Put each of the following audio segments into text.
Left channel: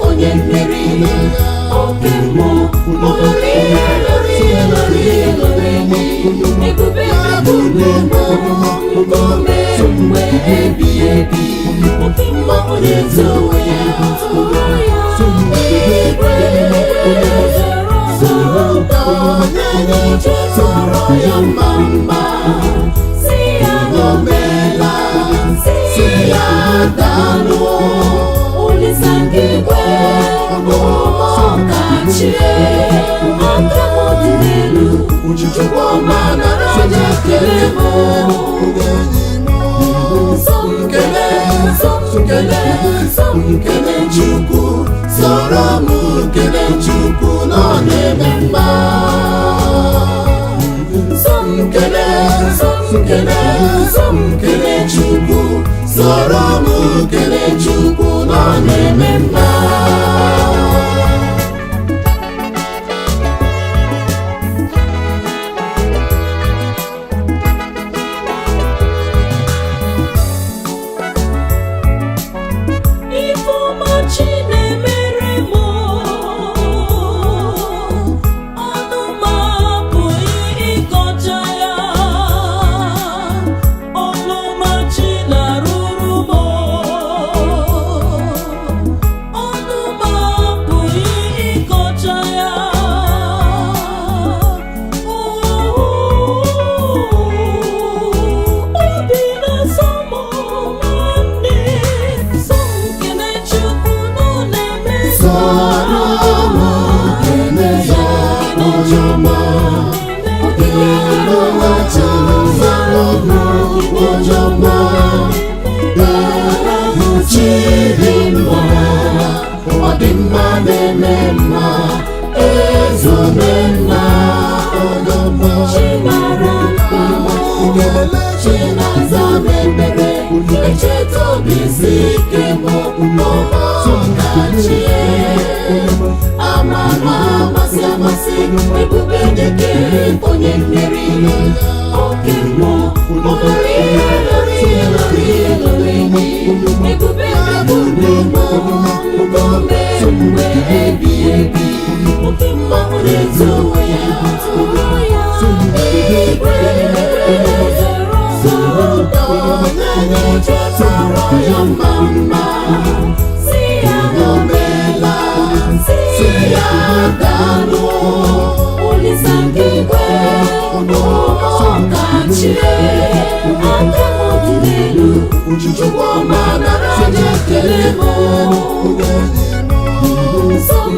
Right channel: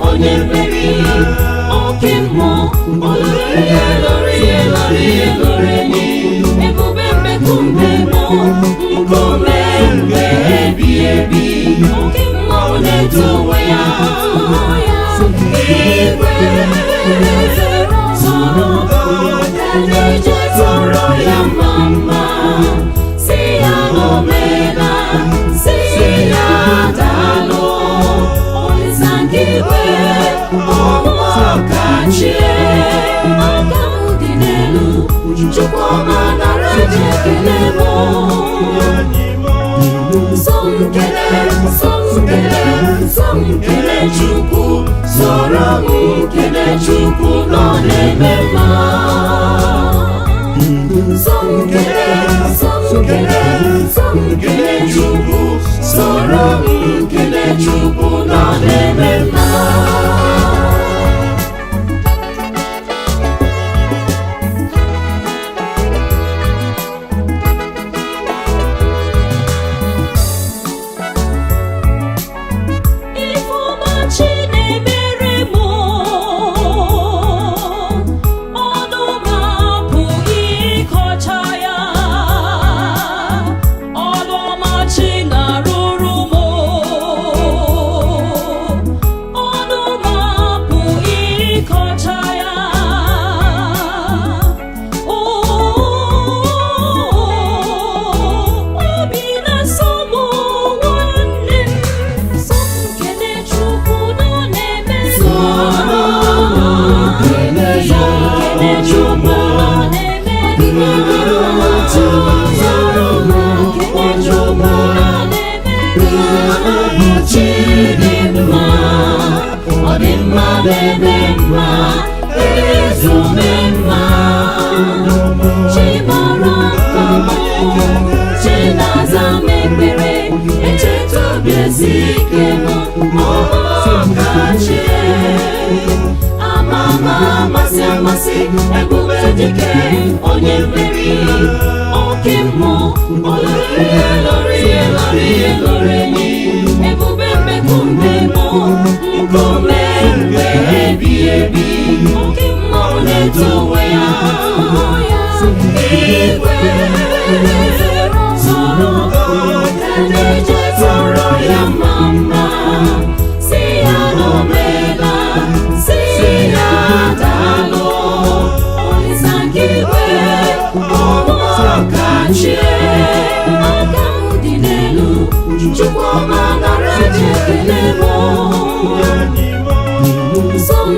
onye mmeri, oke mmụọ olori ebube mmekumbe nọ nkume mgbe ebighị ebi, oke mmụọ na-eto onwe ya igwe tọrọ ya mma si ya n'omela, si ya daalụ Olisa nke igwe ọkachie, aka m dị n'elu Chukwuma nara aja ekele m, nsọ m kele Chukwu, soro m kele Chukwu nọ na-eme mma. Nsọ m kele Chukwu, soro m kele Chukwu nọ na-eme mma. Ebube dike onye mmeri, oke mmụọ olori ebube mmekumbe nọ nkume mgbe ebighị ebi, oke mmụọ na-eto onwe ya igwe tọrọ ya mma si ya n'omela, si ya daalụ Olisa nke igwe ọkachie, aka m dị n'elu Chukwuma nara aja ekele m, nsọ m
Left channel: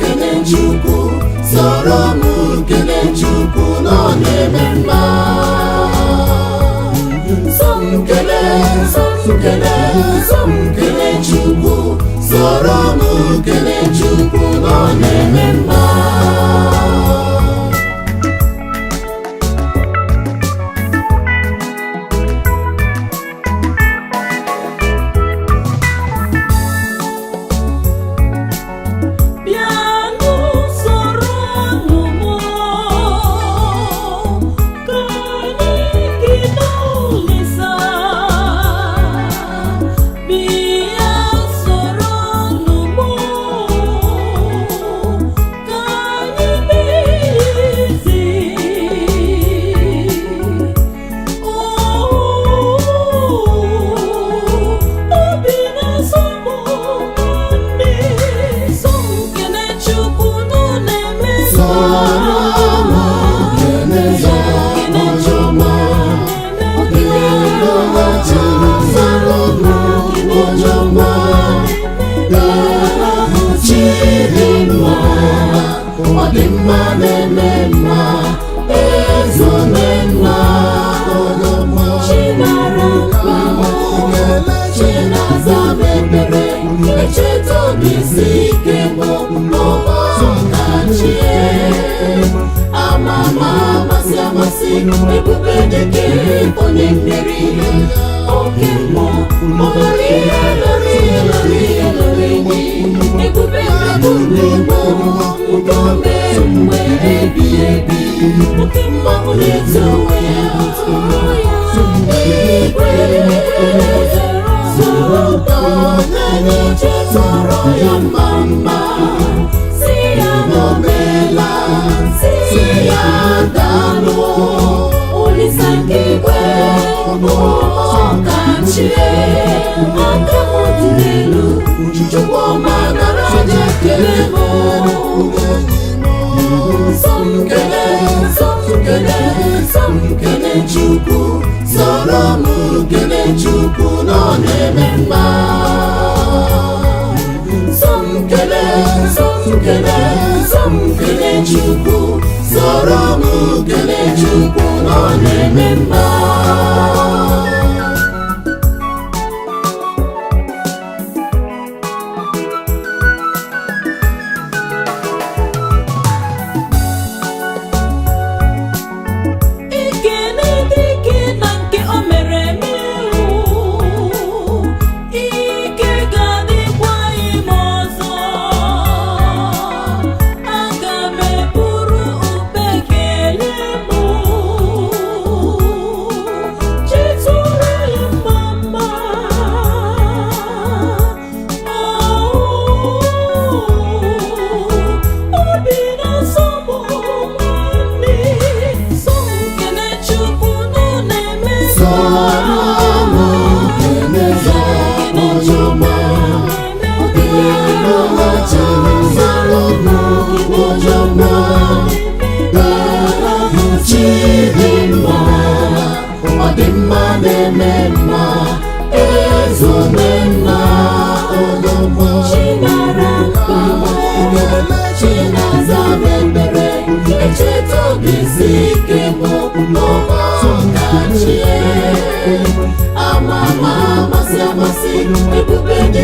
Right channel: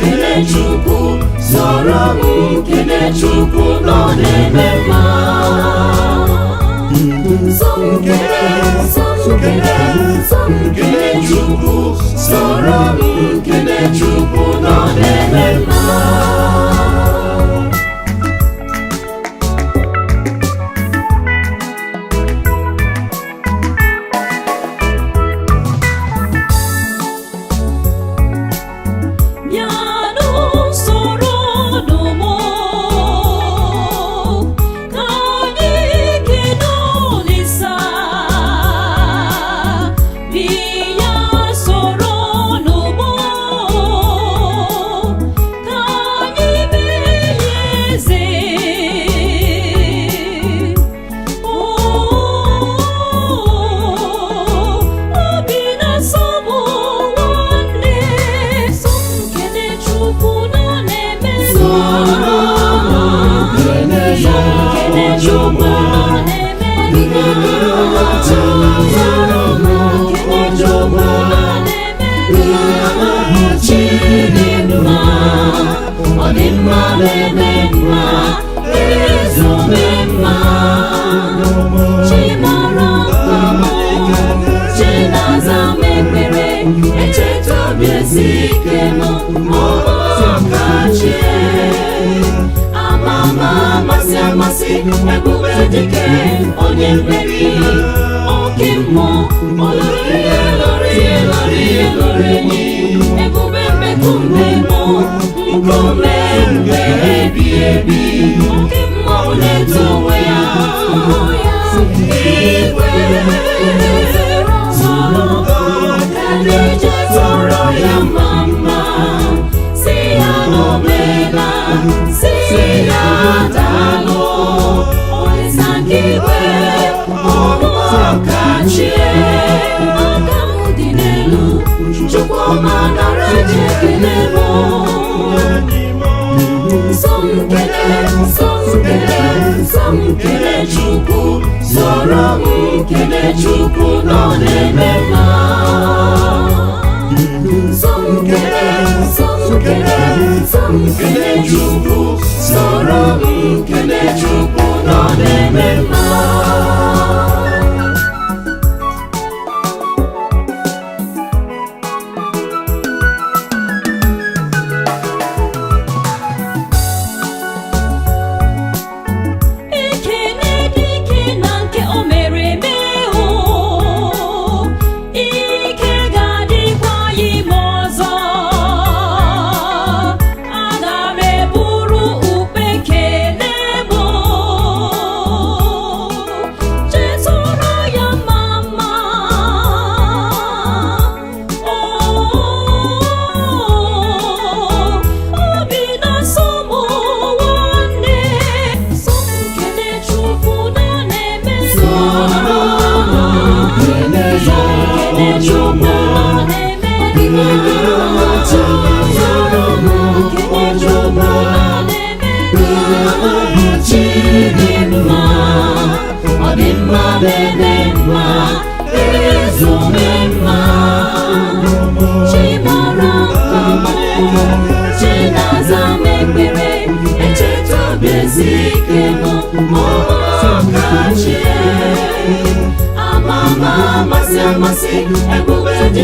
kele Chukwu, soro m kele Chukwu nọ na-eme mma. Nsọ m kele Chukwu, soro m kele Chukwu nọ na-eme mma. Ebube dike onye mmeri, oke mmụọ olori ebube mmekumbe nọ nkume mgbe ebighị ebi, oke mmụọ na-eto onwe ya igwe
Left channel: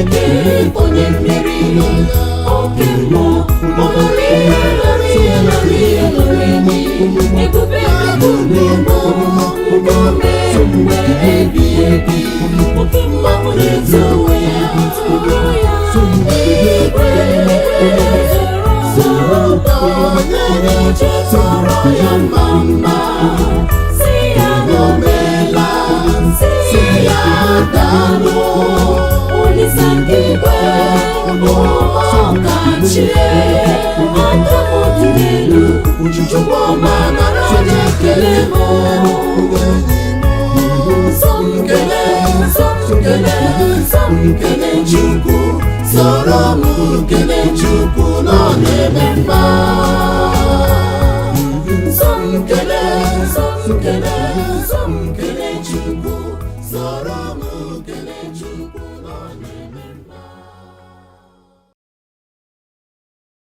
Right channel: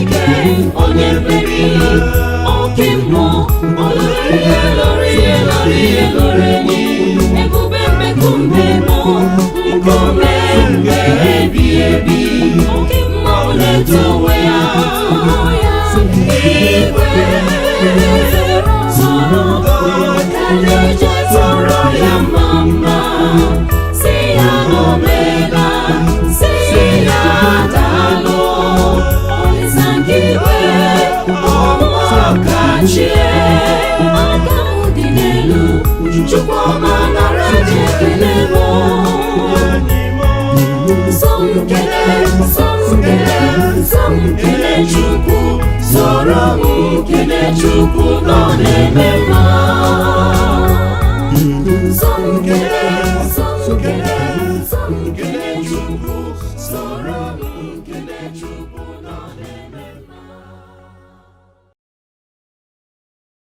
ike onye mmeri, oke mmụọ olori enyi, ebube nkume bụ nkume mgbe ebighị ebi, oke mmụọ na-eto onwe ya. Igwe zoro ga-eje tọrọ ya mma, si ya n'omela, si ya daalụ, Olisa nke igwe ọkachie, aka m dị n'elu, Chukwuma nara ekele m. Nsọ m kele Chukwu, soro m kele Chukwu.